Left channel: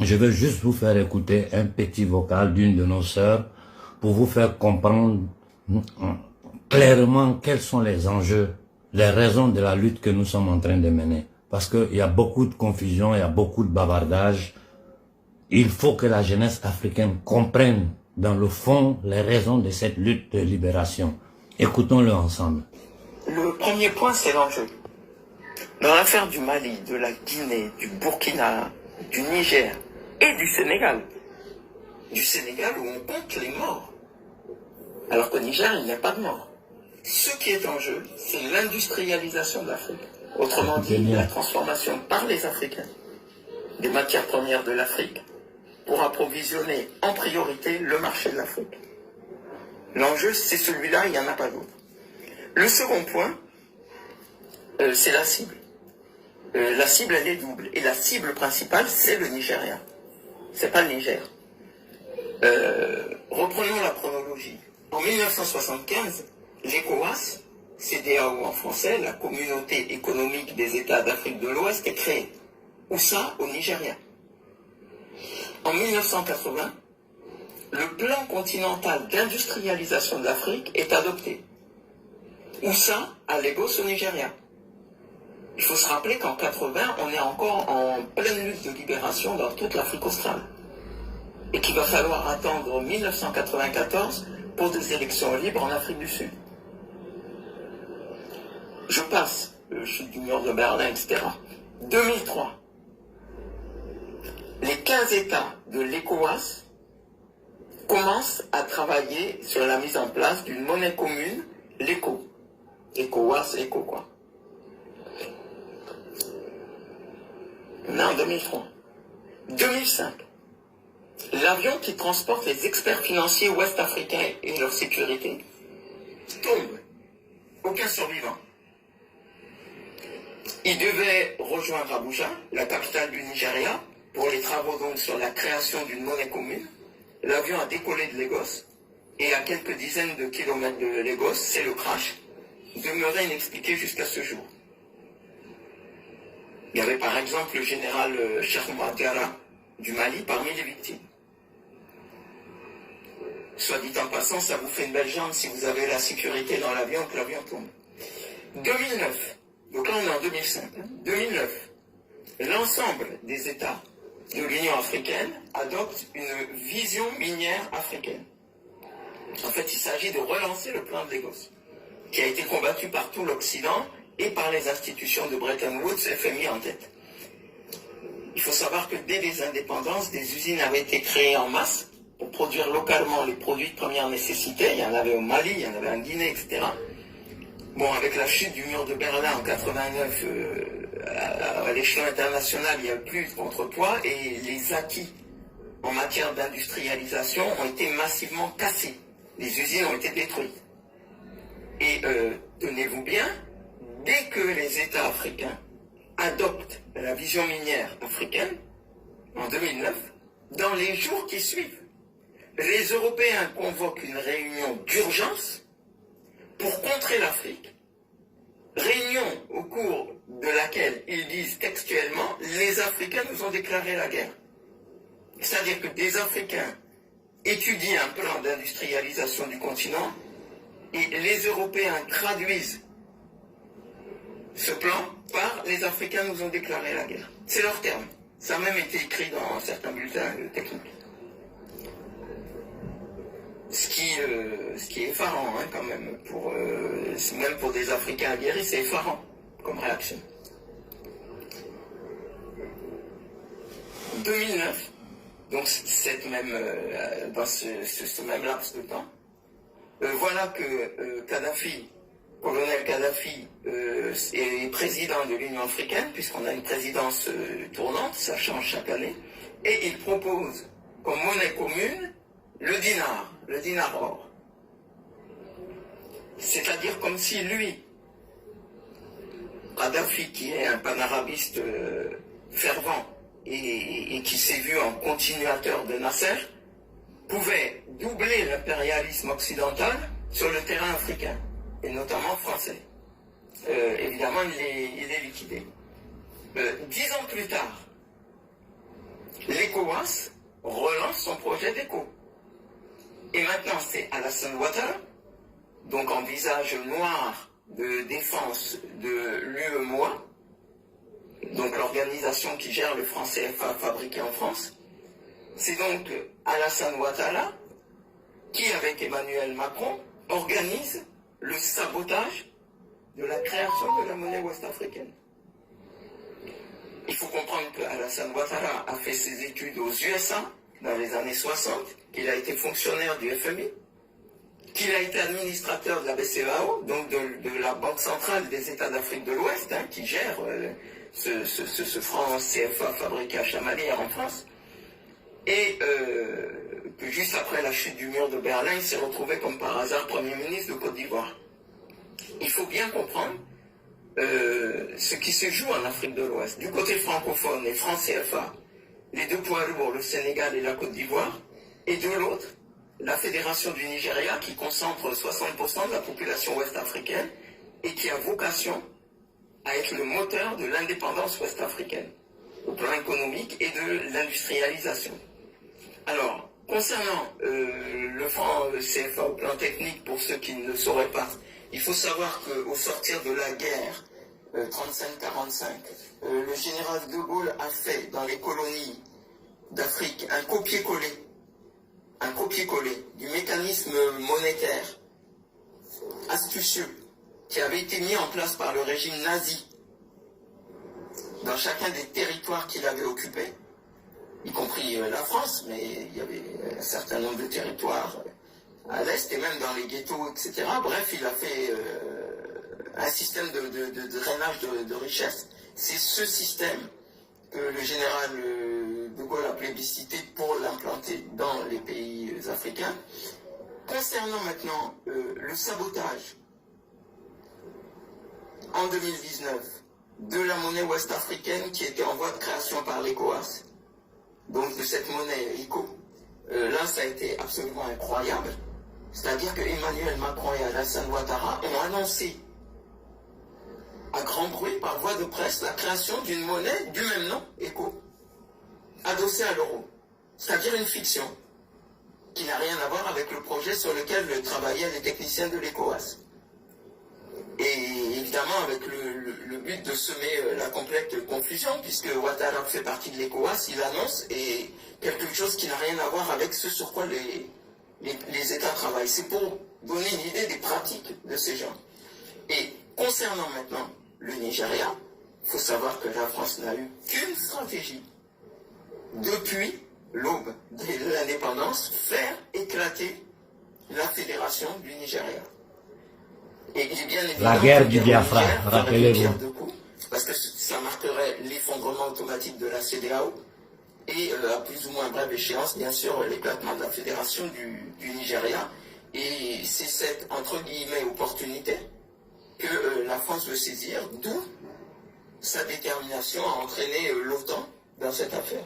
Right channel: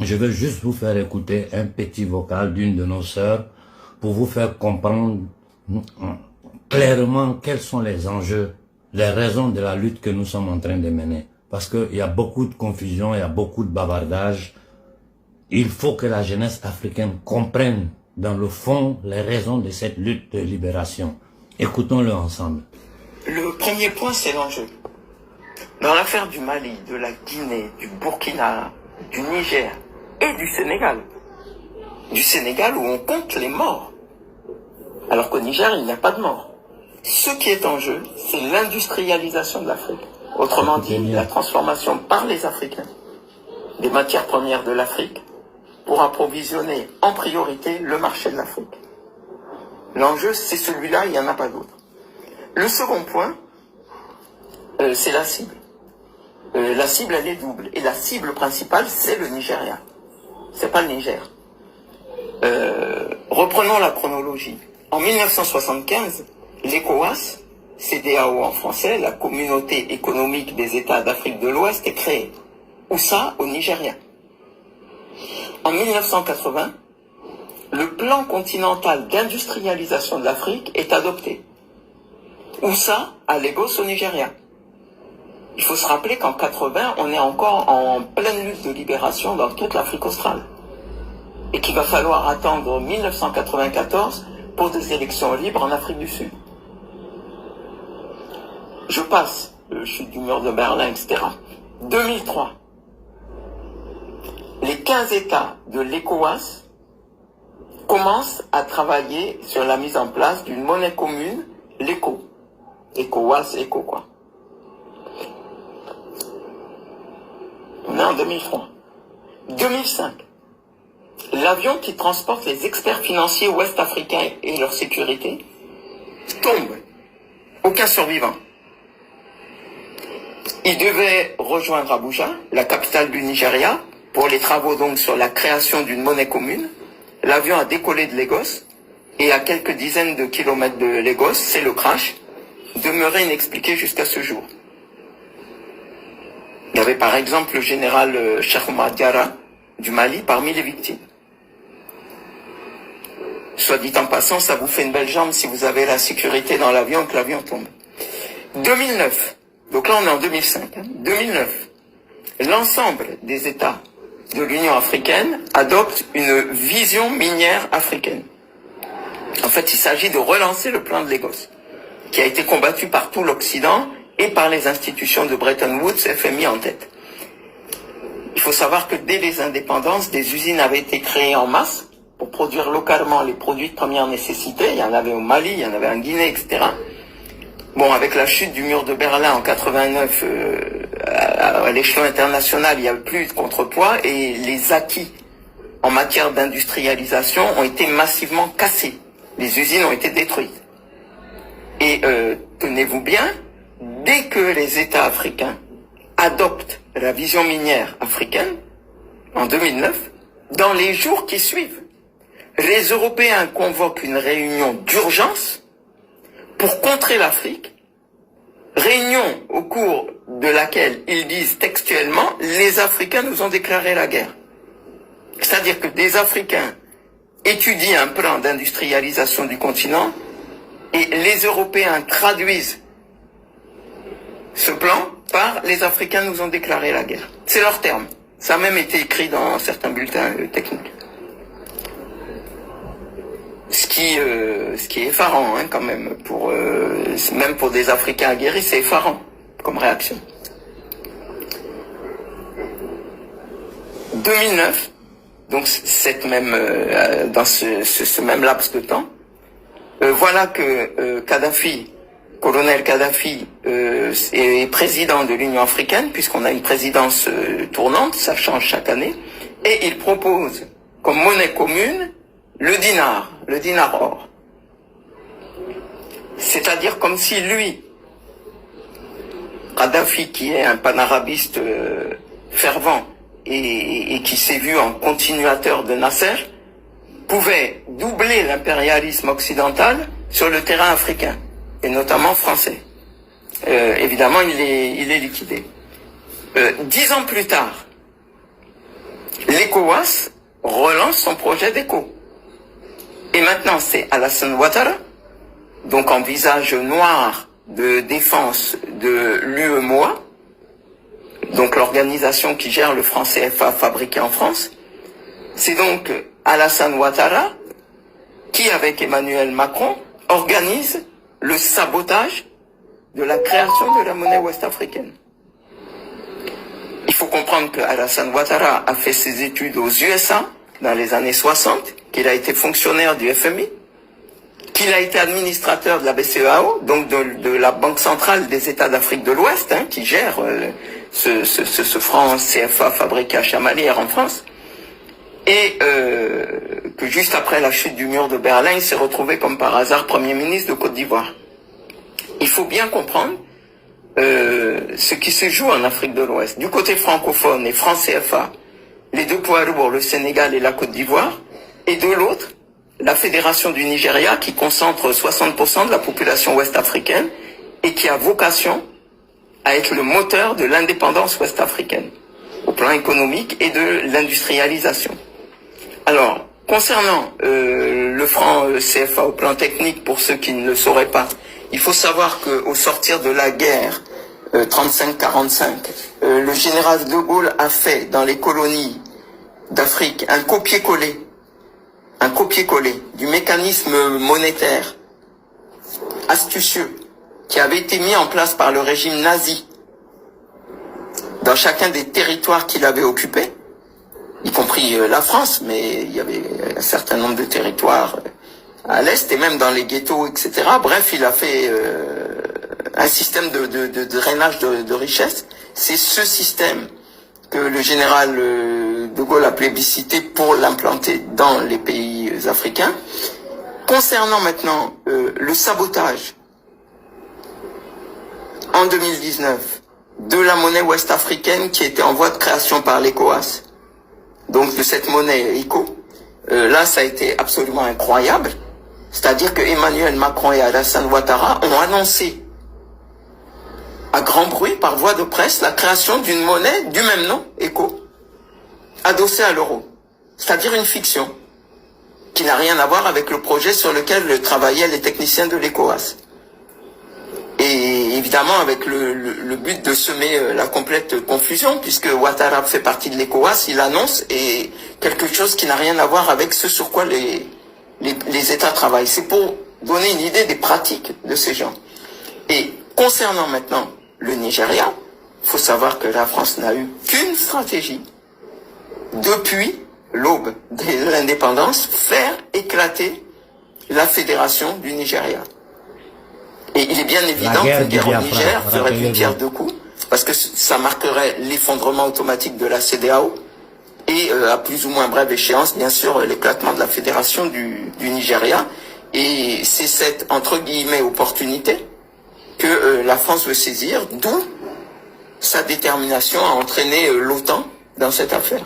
Je vais juste vous faire écouter un petit vocal d'une de nos sœurs pour vous faire comprendre clairement quels sont les enjeux, les raisons de la lutte que nous sommes en train de mener. Parce qu'il y a beaucoup de confusion, il y a beaucoup de bavardage. Il faut que la jeunesse africaine comprenne dans le fond les raisons de cette lutte de libération. Écoutons-le ensemble. Le premier point, c'est l'enjeu. Dans l'affaire du Mali, de la Guinée, du Burkina, du Niger et du Sénégal où on compte les morts, alors qu'au Niger, il n'y a pas de morts. Ce qui est en jeu, c'est l'industrialisation de l'Afrique. Autrement dit, la transformation par les Africains des matières premières de l'Afrique pour approvisionner en priorité le marché de l'Afrique. L'enjeu, c'est celui-là, il n'y en a pas d'autre. Le second point, c'est la cible. La cible, elle est double. Et la cible principale, c'est le Nigeria. C'est pas le Niger. Reprenons la chronologie. En 1975, l'ECOWAS, CEDEAO en français, la Communauté économique des États d'Afrique de l'Ouest, est créée. Où ça? Au Nigeria. En 1980, le plan continental d'industrialisation de l'Afrique est adopté. Où ça? À Lagos, au Nigeria. Il faut se rappeler qu'en 80, on est encore en pleine lutte de libération dans toute l'Afrique australe. Et qu'il va falloir attendre 1994 pour des élections libres en Afrique du Sud. Je passe, chute du mur de Berlin, etc. 2003. Les 15 États de l'ECOWAS commencent à travailler sur la mise en place d'une monnaie commune, l'ECO. ECOWAS, ECO quoi. On est en 2003. 2005. L'avion qui transporte les experts financiers ouest-africains et leur sécurité tombe. Aucun survivant. Il devait rejoindre Abuja, la capitale du Nigeria, pour les travaux donc sur la création d'une monnaie commune. L'avion a décollé de Lagos et à quelques dizaines de kilomètres de Lagos, c'est le crash, demeuré inexpliqué jusqu'à ce jour. Il y avait par exemple le général Cheikh Oumar Diarra du Mali parmi les victimes. Soit dit en passant, ça vous fait une belle jambe si vous avez la sécurité dans l'avion et que l'avion tombe. 2009, donc là on est en 2005, 2009, l'ensemble des États de l'Union africaine adoptent une vision minière africaine. En fait, il s'agit de relancer le plan de Lagos, qui a été combattu par tout l'Occident et par les institutions de Bretton Woods, FMI en tête. Il faut savoir que dès les indépendances, des usines avaient été créées en masse pour produire localement les produits de première nécessité. Il y en avait au Mali, il y en avait en Guinée, etc. Bon, avec la chute du mur de Berlin en 89, à l'échelon international, il n'y avait plus de contrepoids et les acquis en matière d'industrialisation ont été massivement cassés. Les usines ont été détruites. Et tenez-vous bien, dès que les États africains adoptent la vision minière africaine, en 2009, dans les jours qui suivent, les Européens convoquent une réunion d'urgence pour contrer l'Afrique, réunion au cours de laquelle ils disent textuellement « les Africains nous ont déclaré la guerre ». C'est-à-dire que des Africains étudient un plan d'industrialisation du continent et les Européens traduisent ce plan par « les Africains nous ont déclaré la guerre ». C'est leur terme. Ça a même été écrit dans certains bulletins techniques. Ce qui est effarant, hein, quand même, même pour des Africains aguerris, c'est effarant comme réaction. 2009, donc dans ce même laps de temps, voilà que colonel Kadhafi est président de l'Union africaine, puisqu'on a une présidence tournante, ça change chaque année, et il propose comme monnaie commune le dinar or. C'est-à-dire comme si lui, Kadhafi, qui est un panarabiste fervent et qui s'est vu en continuateur de Nasser, pouvait doubler l'impérialisme occidental sur le terrain africain, et notamment français. Évidemment, il est liquidé. 10 ans plus tard, les ECOWAS relance son projet d'ECO. Et maintenant, c'est Alassane Ouattara, donc en visage noir de défense de l'UEMOA, donc l'organisation qui gère le franc CFA fabriqué en France. C'est donc Alassane Ouattara qui, avec Emmanuel Macron, organise le sabotage de la création de la monnaie ouest-africaine. Il faut comprendre que Alassane Ouattara a fait ses études aux USA dans les années 60, qu'il a été fonctionnaire du FMI, qu'il a été administrateur de la BCEAO, donc de la Banque centrale des États d'Afrique de l'Ouest, qui gère ce franc CFA fabriqué à Chamalières en France, et que juste après la chute du mur de Berlin, il s'est retrouvé comme par hasard Premier ministre de Côte d'Ivoire. Il faut bien comprendre ce qui se joue en Afrique de l'Ouest. Du côté francophone et franc CFA, les deux poids lourds, le Sénégal et la Côte d'Ivoire, et de l'autre, la Fédération du Nigeria qui concentre 60% de la population ouest-africaine et qui a vocation à être le moteur de l'indépendance ouest-africaine au plan économique et de l'industrialisation. Alors, concernant le franc CFA au plan technique, pour ceux qui ne le sauraient pas, il faut savoir qu'au sortir de la guerre 35-45, le général de Gaulle a fait dans les colonies d'Afrique un copier-coller du mécanisme monétaire astucieux qui avait été mis en place par le régime nazi dans chacun des territoires qu'il avait occupés, y compris la France, mais il y avait un certain nombre de territoires à l'Est et même dans les ghettos, etc. Bref, il a fait un système de drainage de richesse. C'est ce système que le général de Gaulle a plébiscité pour l'implanter dans les pays africains. Concernant maintenant le sabotage en 2019 de la monnaie ouest-africaine qui était en voie de création par l'ECOWAS, donc de cette monnaie ECO, là ça a été absolument incroyable. C'est-à-dire que Emmanuel Macron et Alassane Ouattara ont annoncé à grand bruit, par voie de presse, la création d'une monnaie du même nom, ECO, adossée à l'euro. C'est-à-dire une fiction qui n'a rien à voir avec le projet sur lequel travaillaient les techniciens de l'ECOWAS. Et évidemment avec le but de semer la complète confusion, puisque Ouattara fait partie de l'ECOWAS, il annonce et quelque chose qui n'a rien à voir avec ce sur quoi les États travaillent. C'est pour donner une idée des pratiques de ces gens. Et concernant maintenant le Nigeria, il faut savoir que la France n'a eu qu'une stratégie depuis l'aube de l'indépendance, faire éclater la fédération du Nigeria. Et il est bien évident qu'une guerre au Niger ferait une pierre deux coups, parce que ça marquerait l'effondrement automatique de la CEDEAO et à plus ou moins brève échéance, bien sûr, l'éclatement de la fédération du Nigeria. Et c'est cette, entre guillemets, opportunité que la France veut saisir, d'où sa détermination à entraîner l'OTAN dans cette affaire.